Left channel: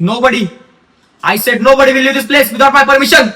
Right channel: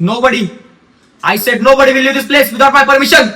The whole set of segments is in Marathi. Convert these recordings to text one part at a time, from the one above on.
Nobody. I said nobody will leave this place without my permission.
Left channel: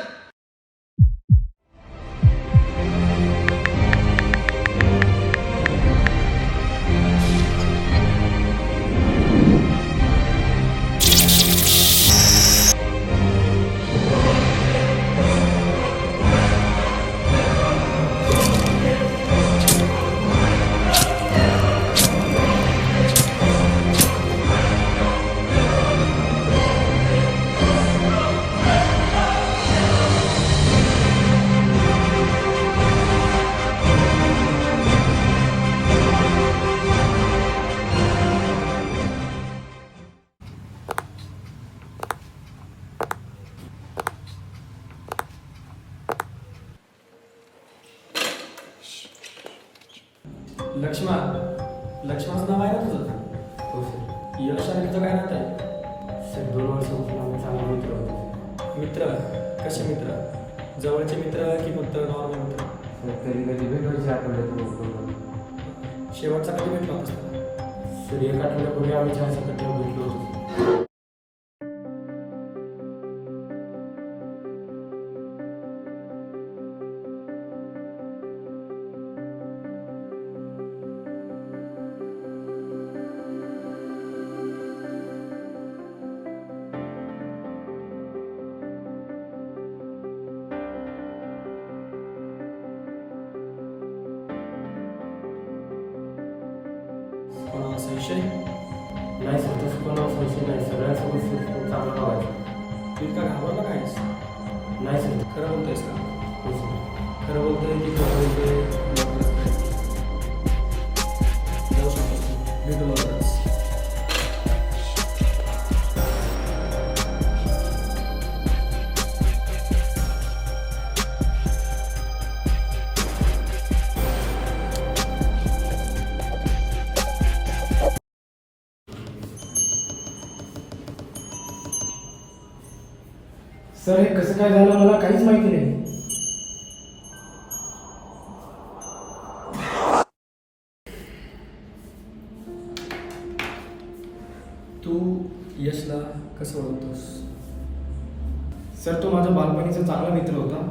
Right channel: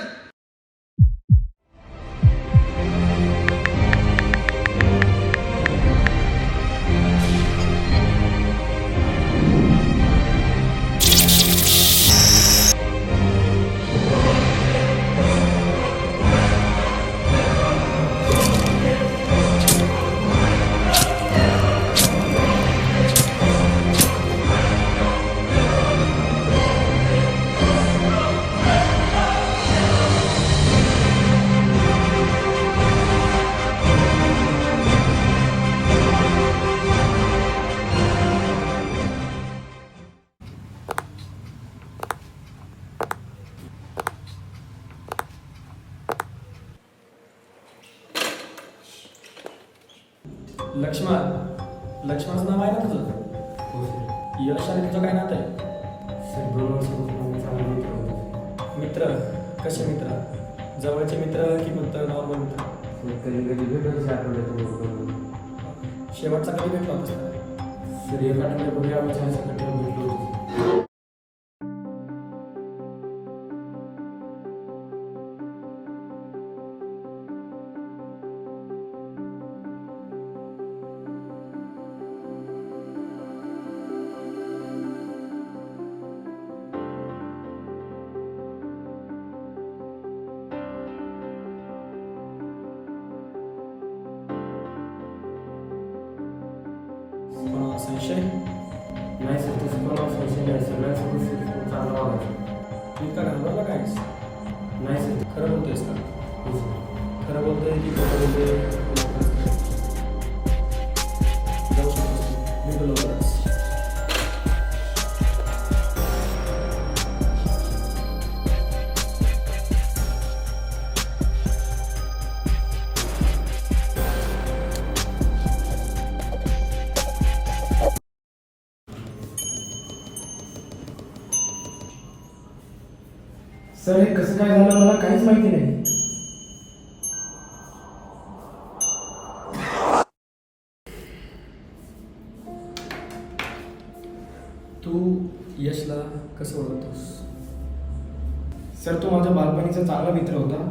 लक्ष्मणचं नाव आहे ना तुझं? हो सर. यश आणि तुझं काय नातं आहे? सर 2 वर्षापासून आम्ही चांगले मित्र होतो. मित्र? कसे मित्र? जवळचे मित्र की फक्त नॉर्मल मित्र? सर कधी कधी भेटायची आठवड्यातून बोलतो. शेवटचा कधी भेटला होतास त्याला? सर 1 आठवड्यापूर्वी आम्ही 4 सकट भेटलो होतो. कोणावर संशय? नाही सर, तसं कोणावर संशय नाही. सगळ्यांसोबत चांगला वागायचं. तू इतका घाबरला कायस? नाही सर. खरं बोलतोयस का? हो सर. खरं बोलतोय की खोटं बोलतोय लवकरच कळेल. जाऊ शकतोस तू, भेटू लवकरच. सर हे कसं काय झालं मला काहीच माहिती नाही. तू यशला कसं ओळखतोस? सर तो माझा बालपणीचा चांगला मित्र होता,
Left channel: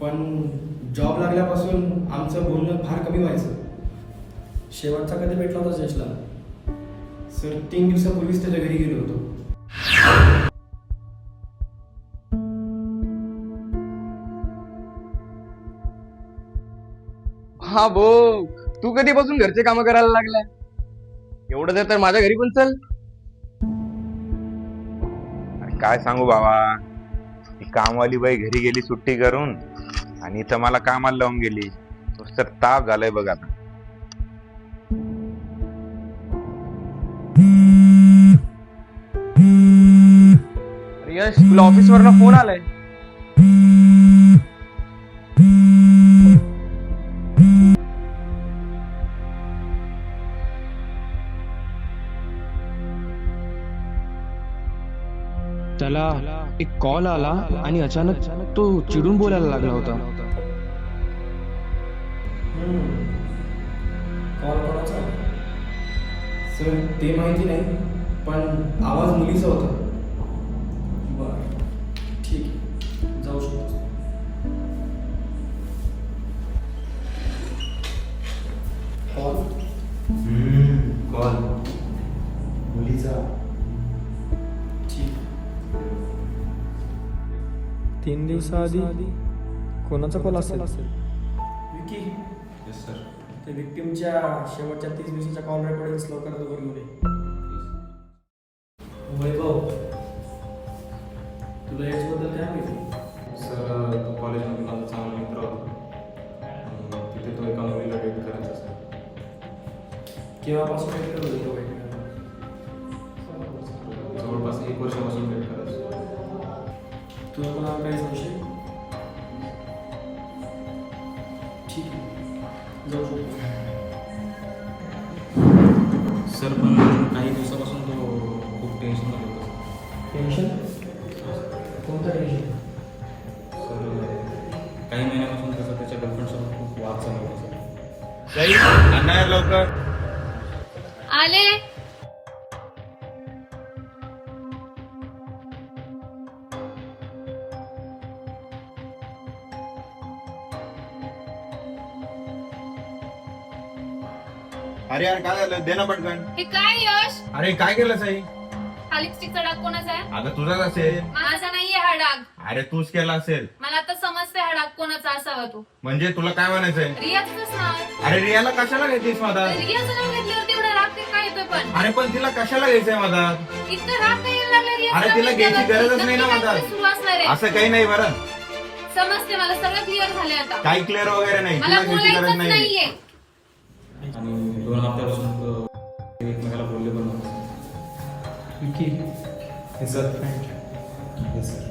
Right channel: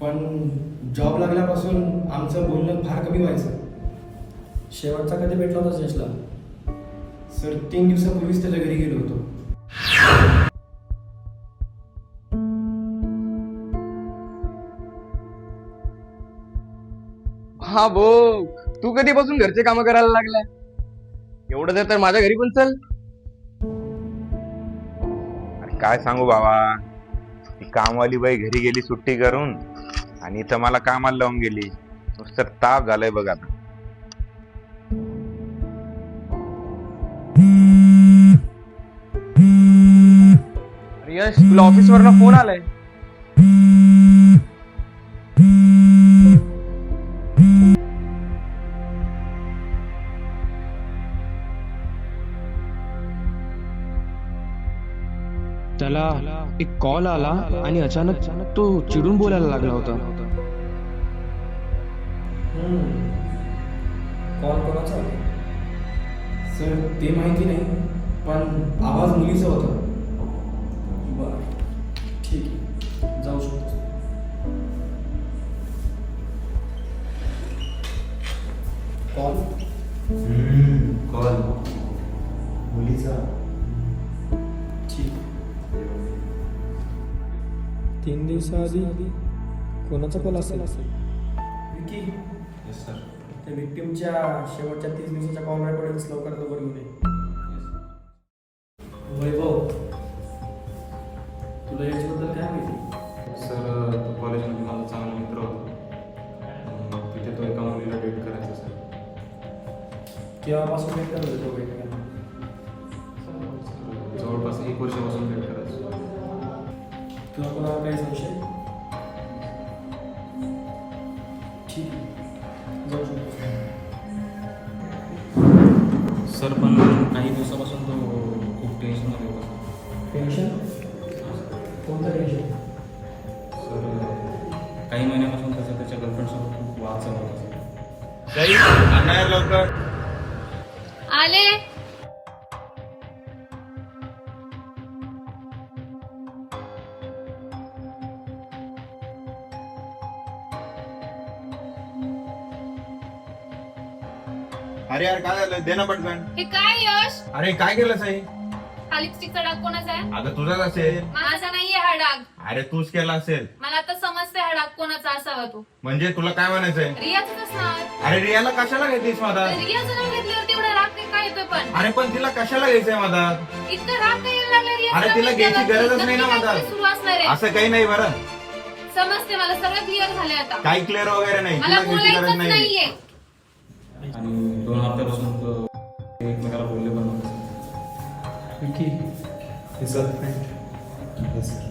पण जॉब लागल्यापासून आमचं बोलणं फार कमी व्हायचं. शेवटचा कधी भेटला होतास यशला? सर 3 दिवसापूर्वीच त्याच्या घरी गेलो होतो. हा भाऊ, तू कधीपासून घरचे काम करायला लागलाय? एवढं तर माझ्या घरी पण चल. अरे काय सांगू बाबा, ती कामवाली बाई घरी गेली सुट्टी करून आणि इथं मला कामाला लावून गेली. नुसतं ताप झालाय बघ आता. अरे यश, तुला ऑफिस वरनं फोन आलाय. त्याला एक कॉल आला आणि अचानक तो चिडून बोलायला लागला होता. कॉल कोणाचा होता? सर ते माहिती नाही, पण आवाज मुलीचा होता. बरं, ठीक आहे, जाऊ शकतो. कॉल? कॉल मुलीचा. ठीक. 3 दिवसाआधी कोणाचा कॉल असेल? विकी? Yes sir. त्या विक्टिमच्या शेवटच्या 30 दिवसाच्या कॉल रेकॉर्डिंग्स लवकरात लवकर घेऊन ये. वैभव, तुला याच्याबद्दल काय माहिती? सर तो कॉलेजमध्ये माझा चांगला मित्र होता. तिथे तो एका मुलीला डेट करायचा सर. केव्हापासून भेट करत होतो एकमेकांना? जवळपास 1 वर्षापासून डेट करायचं. तुला कोणावर काही संशय? ठीक आहे, जाऊ शकतो. सर पण काही दिवसापासून तो खूप टेन्शनमध्ये होता सर. टेन्शन? कोणतं टेन्शन? सर काही महिन्यापासून त्याच्या गर्लफ्रेंडसोबत खूप वाद चालू होता सर. जाई आणणार लवकर. आले. अरे यार काय झालं दे ना पटकन. हे काय यश? अरे काय केलं साई? हा लिपस्टिकचा डाग कोणाचा आहे? अगं तुझाच असेल. माझा नाहीये हा डाग. अरे तूच केला असेल. मला आता समजते हा डाग कोणाचा असावा तो. म्हणजे तुला काय म्हणायचंय? रियाच असणार. अरे रियाला कशाला घ्यायचीस मधात? रियाचं नाव घेतल्यावर तेवढा राग काय येतोय पण? अरे पण तिला कशाला घ्यायचंय मधात? इतकं राग काय यायला लागला रियाचं अरे नाव तिला घ्यायची घेतल्यावर? गरजच नाही ना नक्की मधात. काहीतरी सुरू असणार आहे. असं काही नाही बरं. समजते मला सगळं क्लिअर झालंय आता. काही क्लिअर वगैरे नाही. मला तुला घ्यायची गरज बोलायचंच नाही. नाहीये. आणि 2 हप्त्यापासून एकमेकाला बोलले पण नव्हते. विकी हे सर येस सर.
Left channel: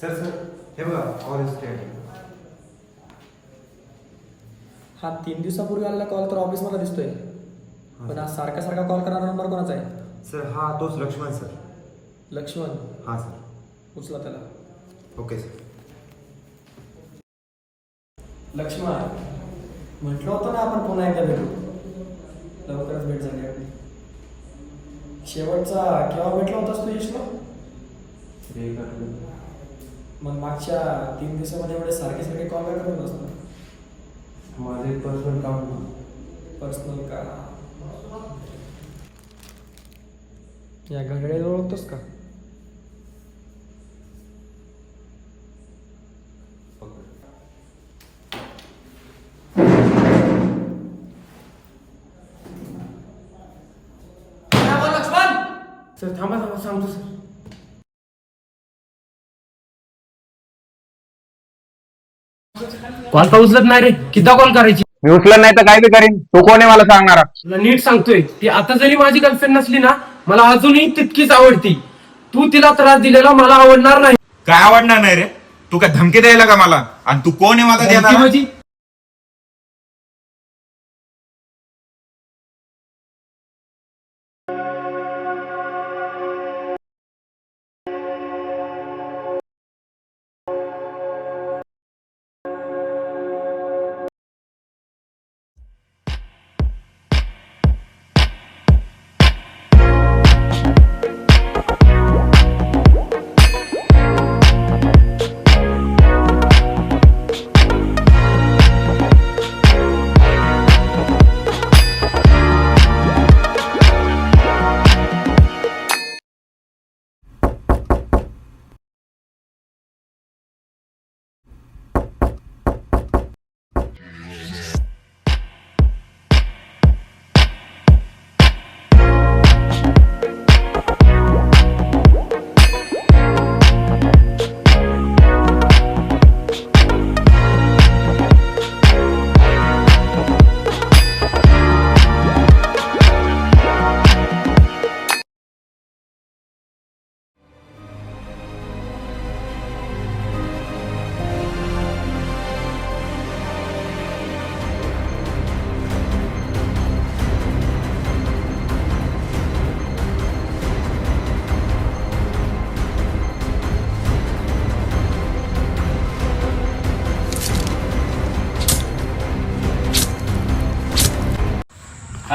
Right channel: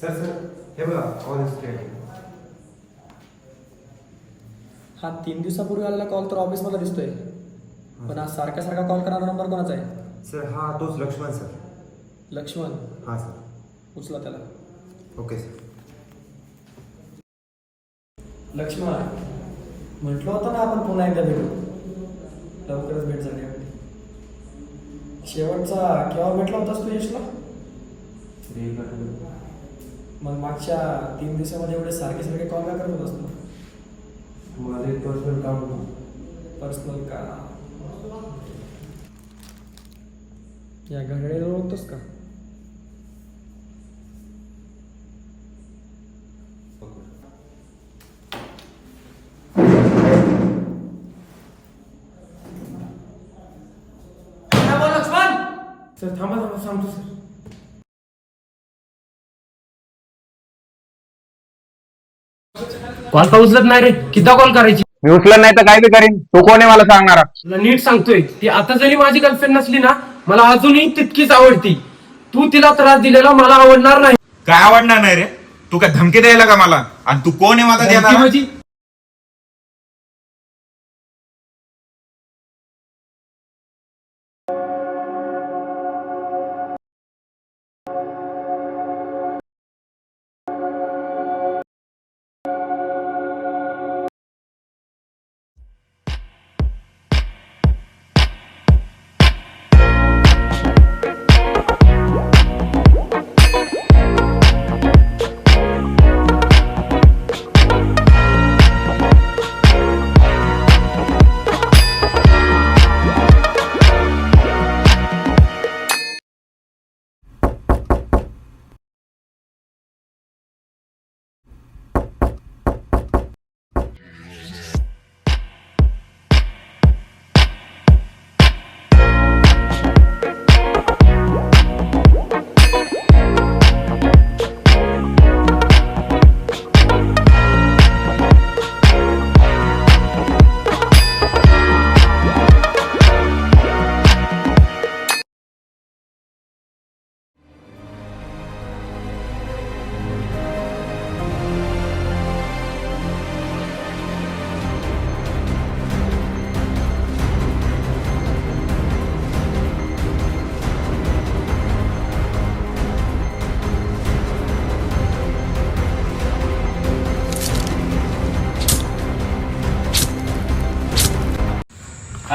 सर हे बघा ऑल स्टेट. हा 3 दिवसापूर्वी आलेला कॉल तर ऑफिसमध्ये दिसतोय, पण हा सारखा सारखा कॉल करणारा नंबर कोणाचा आहे? सर हा तोच लक्ष्मण सर. लक्ष्मण, हां सर. उचला त्याला. Okay sir. लक्ष्मण, म्हटलं होतं ना आपण पुन्हा एकदा भेटू. लवकरच भेट झाली आपली. शेवटचा केव्हा भेटला होतास तू यशला? मग मागच्या 3 दिवसामध्ये एवढे सारखे सारखे कॉल काय करत होतास ना? माझं एक पर्सनल काम होतं. पर्सनल का? या घड्याळाला ओळखतोस का? सर थांबा सांगतो सर. कॉल का उचलत नाही रे? किती कॉल करायची? मी उचलत नाही तर काय बी करीन. तू कोण आहे मला सांगणारा? तुला नीट सांगतोय, ती आता जरी माझी गर्लफ्रेंड नसली ना, मला अजूनही तितकीच आवडती. तू तिला त्रास दिलेला मला आवडणार नाही. काय आवडणार नाही रे? तू काय धमकी द्यायला का मला? आणि तू कोण आहे माझा धमकी माझी?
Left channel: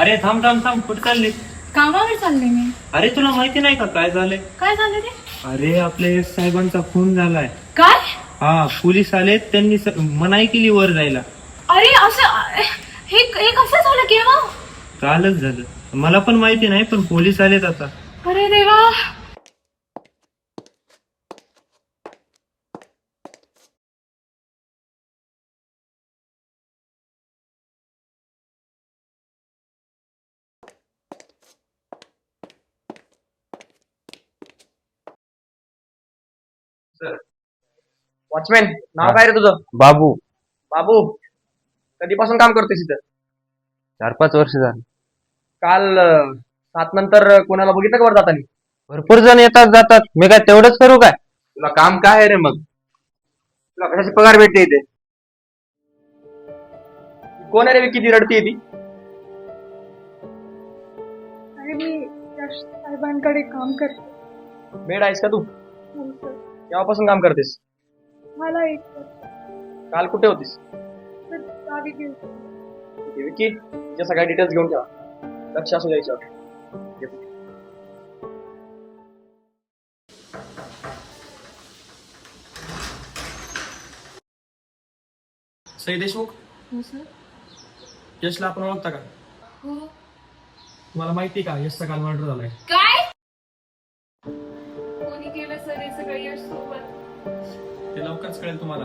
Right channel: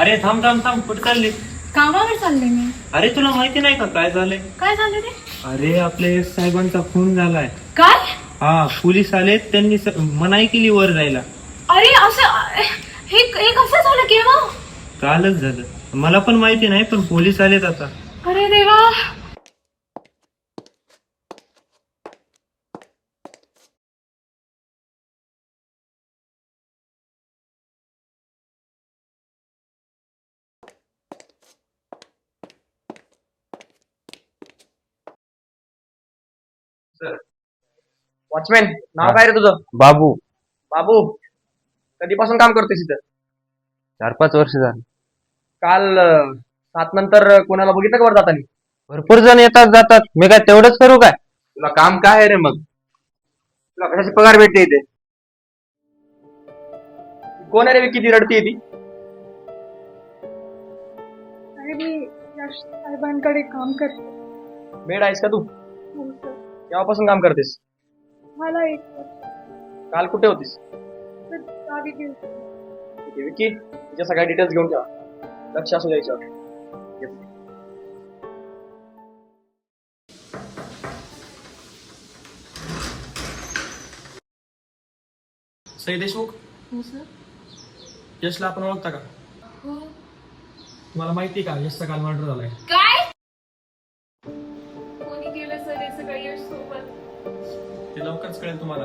अरे थांब थांब थांब, कुठे चालली? कामावर चालले मी. अरे तुला माहिती नाही का काय झालंय? काय झालं रे? अरे आपले साहेबांचा फोन झालाय. काय? हा, पोलीस आले, त्यांनी मनाई केली वर जायला. अरे असं हे कसं झालं केव्हा? कालच झालं. मला पण माहिती नाही, पण पोलीस आलेत आता. अरे देवा. वॉचमॅन, नाव काय रे तुझं? बाबू. बाबू, कधीपासून काम करतोस इथं? 4-5 वर्ष झाली. काल 7 नंतर कोणाला बघितलं का वर जातानी? भरपूर जण येतात जातात. मी काय तेवढंच करू काय? तुला काम काय आहे रे मग? तुला कशाची पगार भेटते इथे? कोण आहे रे किती रडती ती? अरे मी यश साहेबांकडे काम करते. मेड आहेस का तू? हो सर. केव्हापासून काम करतेस? मला 1 वर्ष. काल कुठे होतीस? तर गावी गेलते. विकी, तुझ्या सगळ्या डिटेल्स घेऊन ठेवा. लक्ष असू द्यायचं. सई देशमुख, यशला आपण ओळखता का? तुम्हाला माहिती का यशचा काल मर्डर झालाय? काय कोणी केलं सर हे सगळं यश सोबत? ते लवकरच कळेल तुम्हाला.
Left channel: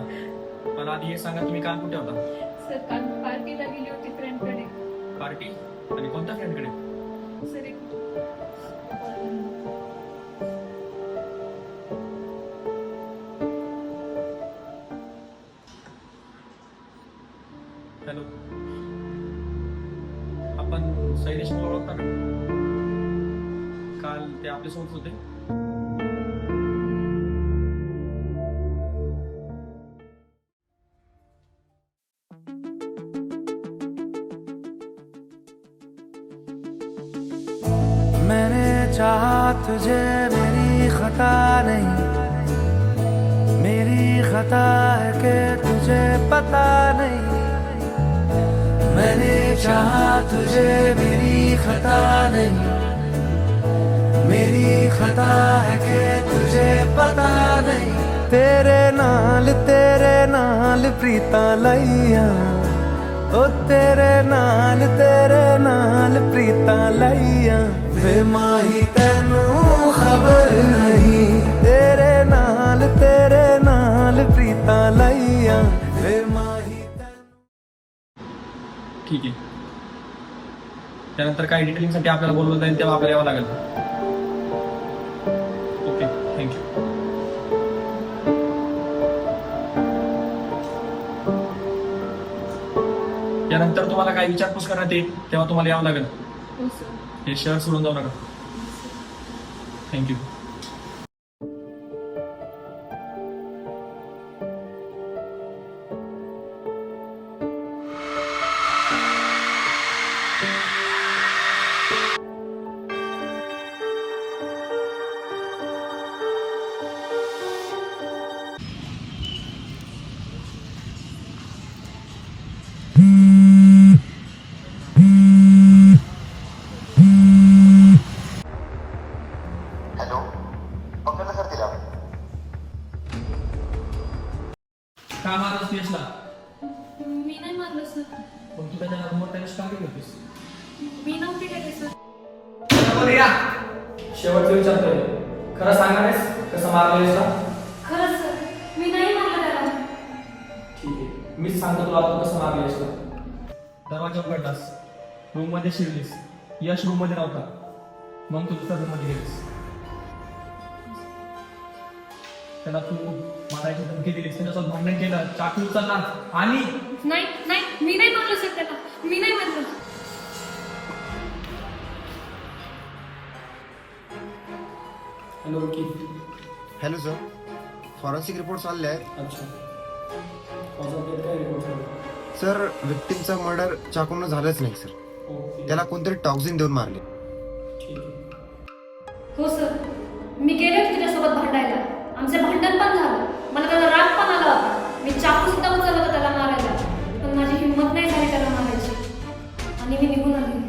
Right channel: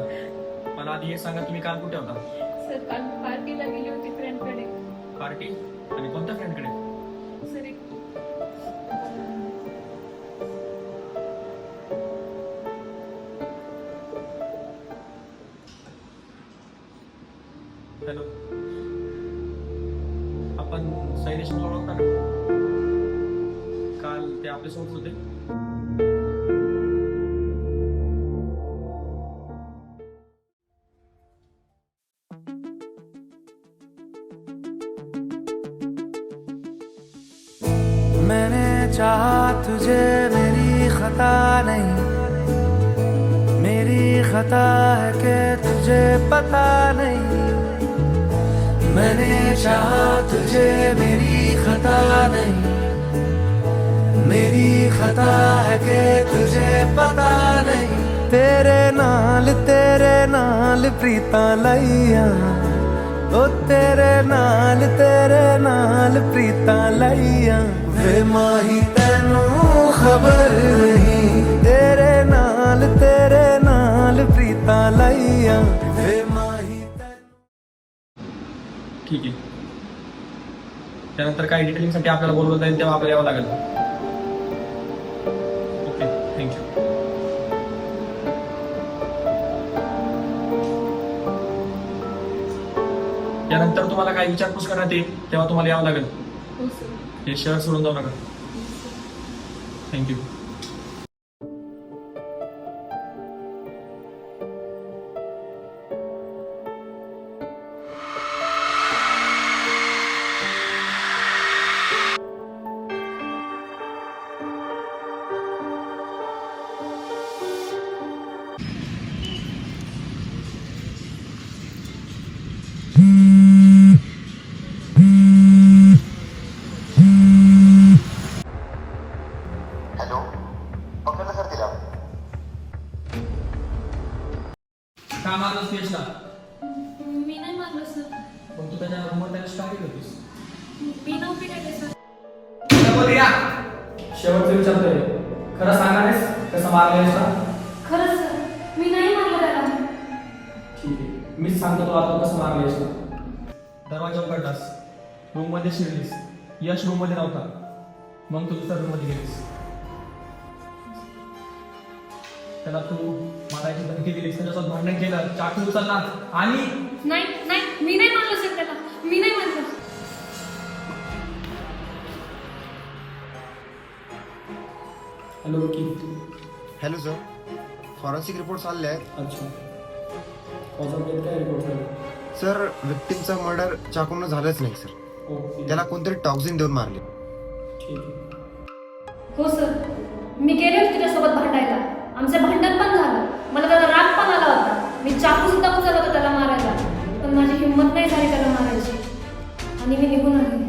पण आधी हे सांगा, तुम्ही काल कुठे होता? सर काल पार्टीला गेली होती फ्रेंडकडे. पार्टी? आणि कोणत्या फ्रेंडकडे? सर एक हॅलो, आपण सई देशमुख ओळखता का? काल ते आपल्यासोबत होते. मैंने चाहा तुझे, मेरी खता नहीं, मेरी खता है कि तुझे पता नहीं. मैंने चाहा तुझे, मेरी खता नहीं, मेरी खता है कि तुझे पता नहीं. तेरे नाल प्रीता लाइया, ओ तेरे नाल प्रीता लाइया. वे माही तेनू खबर नहीं, तेरे नाल प्रीता लाइया. वे माही ठीक आहे. त्यानंतर काही डिटेलिंगसाठी आपल्याला बोलवलं जाईल, तेव्हा आपल्याला यावं लागेल. Okay, thank you. यानंतर तुम्हाला काही विचारपूस करण्यात येईल, तेव्हा तुम्हाला यावं लागेल. हो सर. हे शहर सोडून जाऊ नका. थँक्यू. का मारलंस यशला? मी नाही मारलं सर. मग तू त्याच्या नंबर त्याला स्टार्टिंग होतीस. मी नव्हती काय सर. शेवटचं विचारतोय, खरं सांगानेस कसं मारलं यशला? खरंच सर मी नाही मारलं त्याला. ठीक आहे, मीच सांगतो तुला तू कसं मारलं यशला. दरवाजा उघडलास, रूम मध्ये शिरलीस, यश रूम मध्ये नव्हता, मग तू दुसऱ्या रूम मध्ये गेलीस. त्याला तू मारायची धमकी दिलीस, त्याच्यासोबत भांडण केलं, चाकू उचलला आणि नाही नाही मी नाही मारलं सर त्याला. मी नाही मारलं. हॅलो रुकी. हॅलो सर, फॉरेन्सिक रिपोर्ट्स आले आहेत. अच्छा, कॉज ऑफ डेथ काय रिपोर्ट झाला? सर, विक्टिमचा मर्डर चाकून झालंच नाही सर. ओके, त्याला कोणतरी टॉक्झिन देऊन मारले. ठीक आहे. हो सर मी गेले होते त्याच्यासोबत भांडायला. आमचं भांडण पण झालं. मला त्याचा राग पण आला होता. मी चाकू सुद्धा उचलला होता त्याला मारायला, पण माझी हिंमत नाही झाली त्याला मारायची आणि मी निघून आले.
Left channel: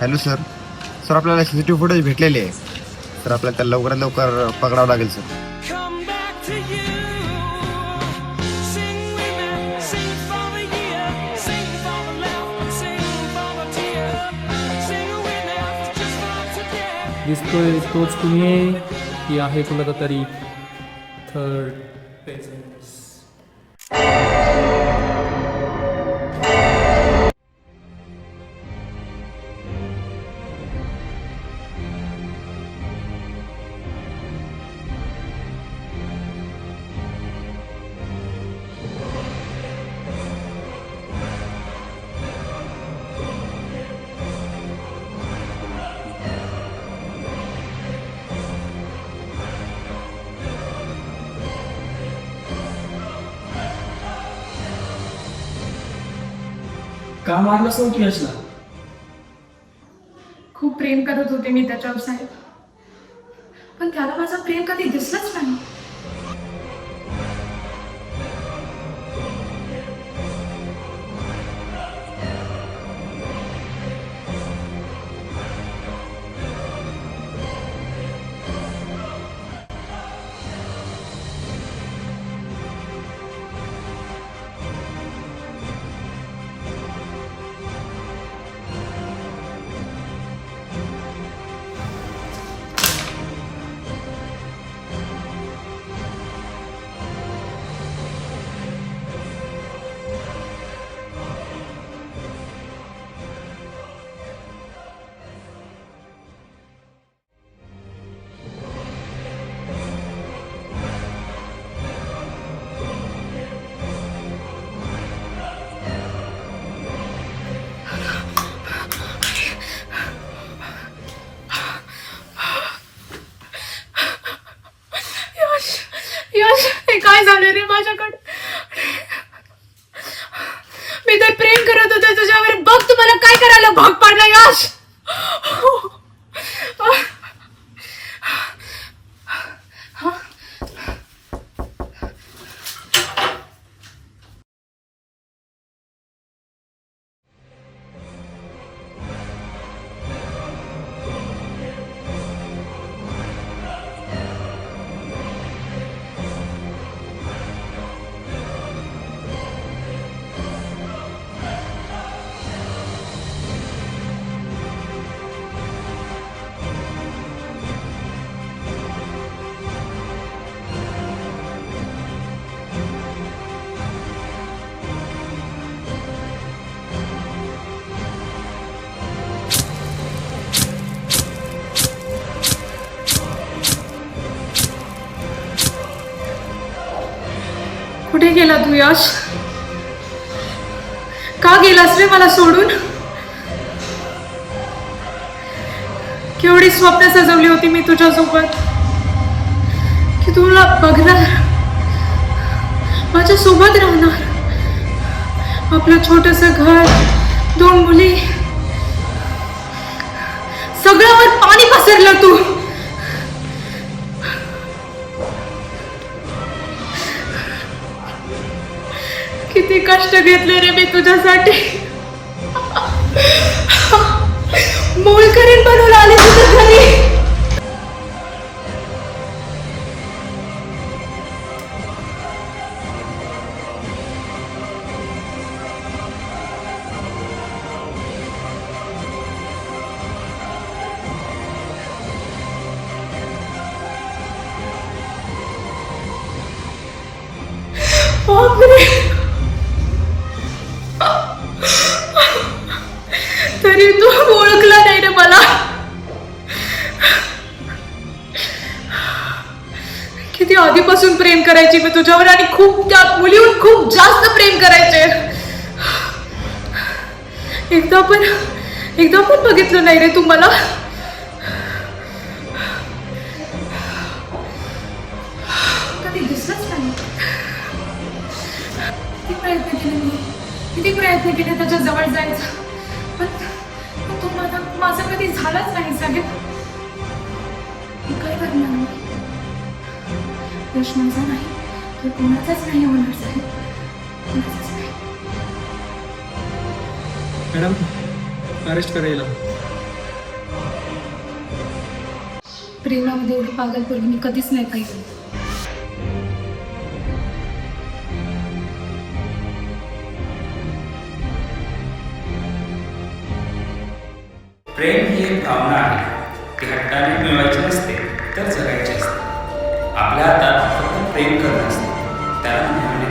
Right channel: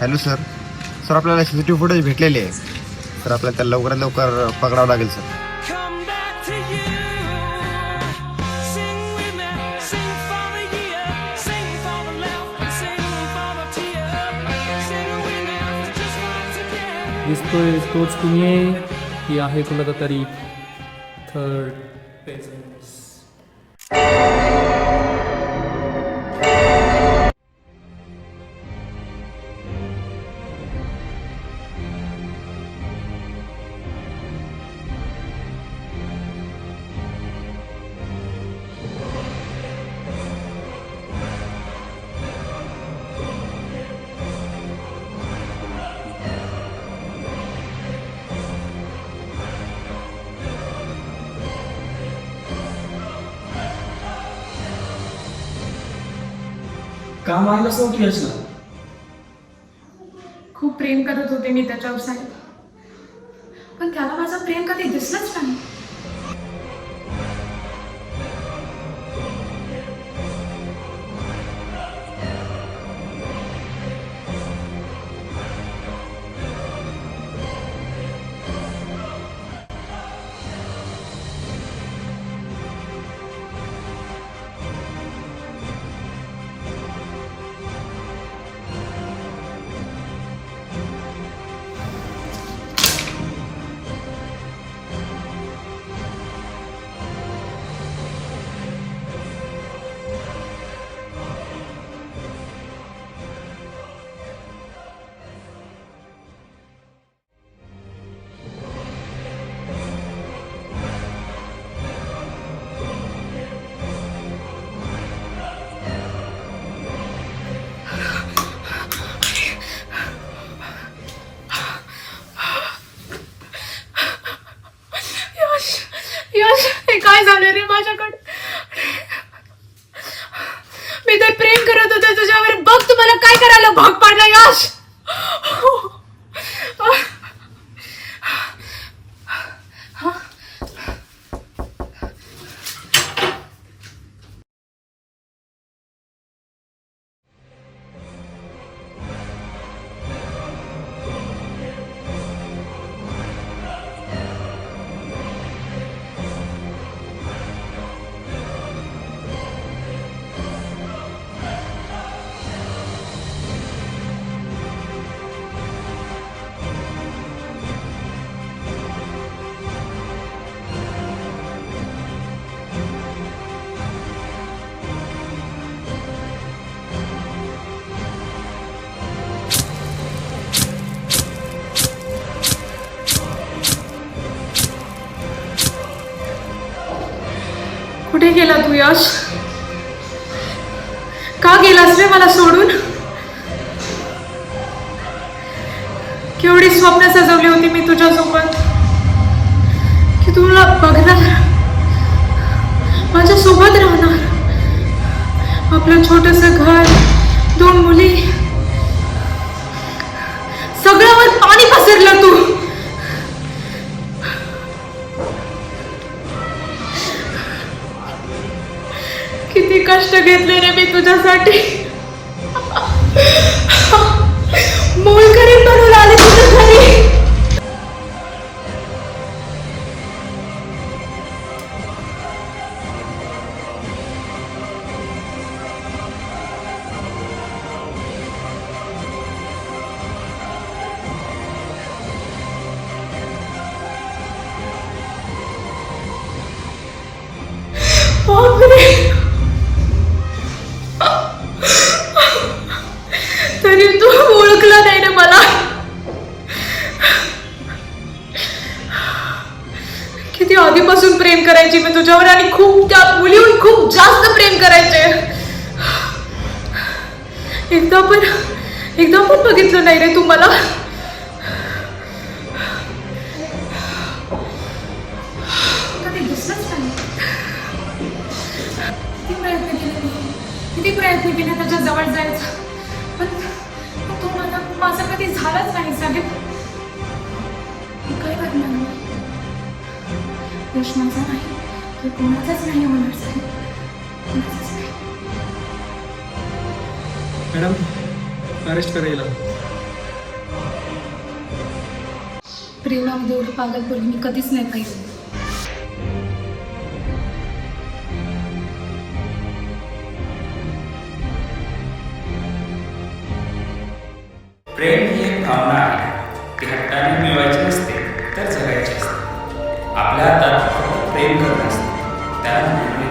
हॅलो सर, सर आपल्याला सीसीटीव्ही फुटेज भेटलेले आहे. सर आपल्याला त्याला लवकरात लवकर पकडावं लागेल सर. दिसतोय तोच कुणी की आहे कुणाचा तरी थर्ड पेजेस. का मारलंस नव्हती यशला? खूप प्रेम करत होते मी त्याच्यावर साहेब, पण त्याला माझं प्रेम कधी दिसलंच नाही. यश, हे काय झालं रे माझ्याकडे? मी तर प्रेम करत होते तुझ्यावर, बघ तुम्हाला काय करायला भाग पाडला यश. कुठे गेला तू यश? का गेलास रे मला सोडून? केवढी स्वप्न सजवली होती मी तुझ्यासोबत, की तुला बघणार, माझ्या सोबत राहणार, आपलं छोटंसं घर, 2 मुली, सगळ्यावर पाणी पसरलं तू. किती कष्ट घेतले रे मी तुझ्यासाठी. मोलकरीण बनवून आली तुझ्या घरी. बापरे, तरी तू ओळखला नाही रे मला. किती आधीपासून प्रेम करायची मी तुझ्यावर, आणि खूप त्या मुलीहून खूप जास्त प्रेम करायचे. एकदा पण बघितलं नाही रे तू मला. कधी दिसलंच नाही. किती प्रयत्न केले त्याच्या जवळ जायचं, पण तो माझा कधी झालाच नाही. साहेब, काय करणार मी? यश माझा नाही तर कोणाचाच नाही होणार साहेब, कोणाचाच नाही. मॅडम, अरेस्ट करायला. प्रेमामध्ये एवढी पागलपणी मी कधीच नाही पाहिजे. प्रेम ही एक भावना आहे, ती हट्टाने मिळवायची नसते तर जगायची असते. आपल्या हातात फक्त प्रेम करणं असतं, त्याला मिळवणे